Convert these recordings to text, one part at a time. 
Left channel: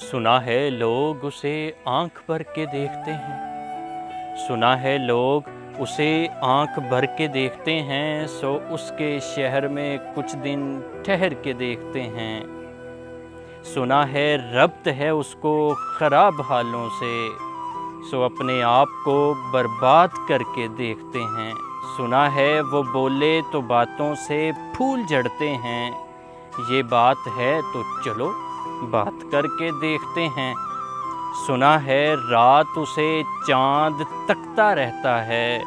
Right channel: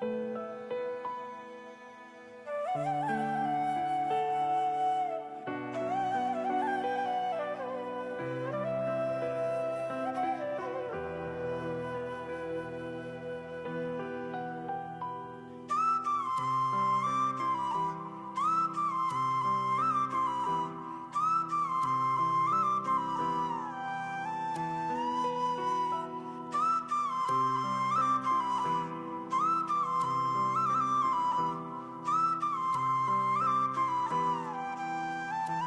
सुना है लोग उसे आंख भर के देखते हैं, सुना है लोग उसे आंख भर के देखते हैं, सो उसके शहर में कुछ दिन ठहर के देखते हैं। सुना है रब्त है उसको ख़राब हालों से, सो अपने आप को बर्बाद करके देखते हैं। सुना है वो बोले तो बातों से फूल झड़ते हैं, ये बात है तो चलो बात करके देखते हैं। सुना है रात उसे चांद तकता रहता है,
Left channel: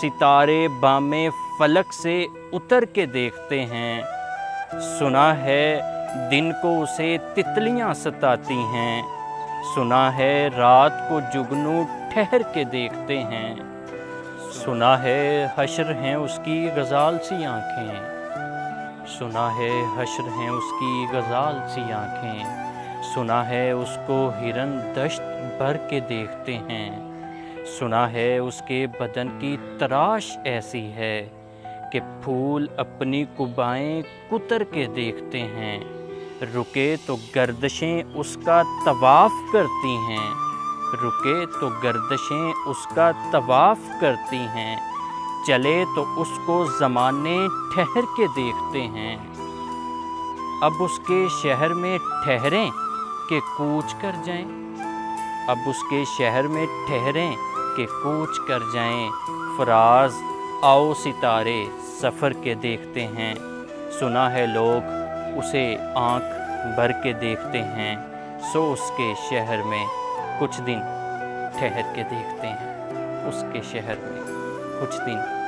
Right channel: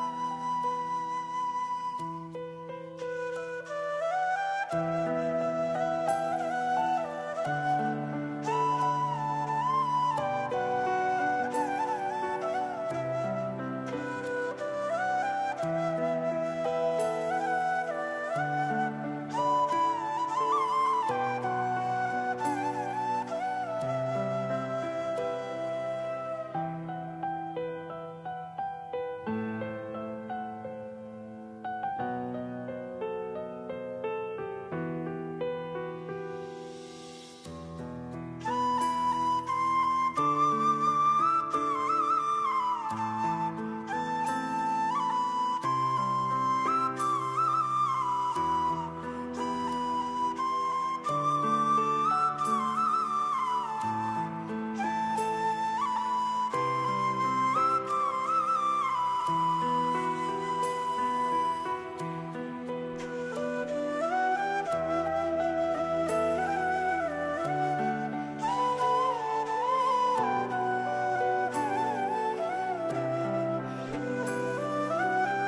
सितारे बामे फलक से उतर के देखते हैं। सुना है दिन को उसे तितलियां सताती हैं, सुना है रात को जुगनू ठहर के देखते हैं। सुना है हश्र हैं उसकी गज़ाल सी आँखें, सुना है हश्र हैं उसकी गज़ाल सी आँखें। सुना है उसको हिरन दश्त भर के देखते हैं, सुना है उसके बदन की तराश ऐसी है कि फूल अपनी कुबाएं कुतर के देखते हैं। रुके तो गर्दशें उसका तवाफ़ करती हैं, रुके तो गर्दशें उसका तवाफ़ करती हैं, चले तो उसको ज़माने ठहर के देखते हैं। अब उसके शहर में ठहरें कि कूच कर जाएं, अब उसके शहर में ठहरें कि कूच कर जाएं। फराज आओ सितारे सफ़र के देखते हैं, सुना है लोग उसे आँख भर के देखते हैं, सो उसके शहर में कुछ दिन ठहर के देखते हैं, उसके शहर में कुछ दिन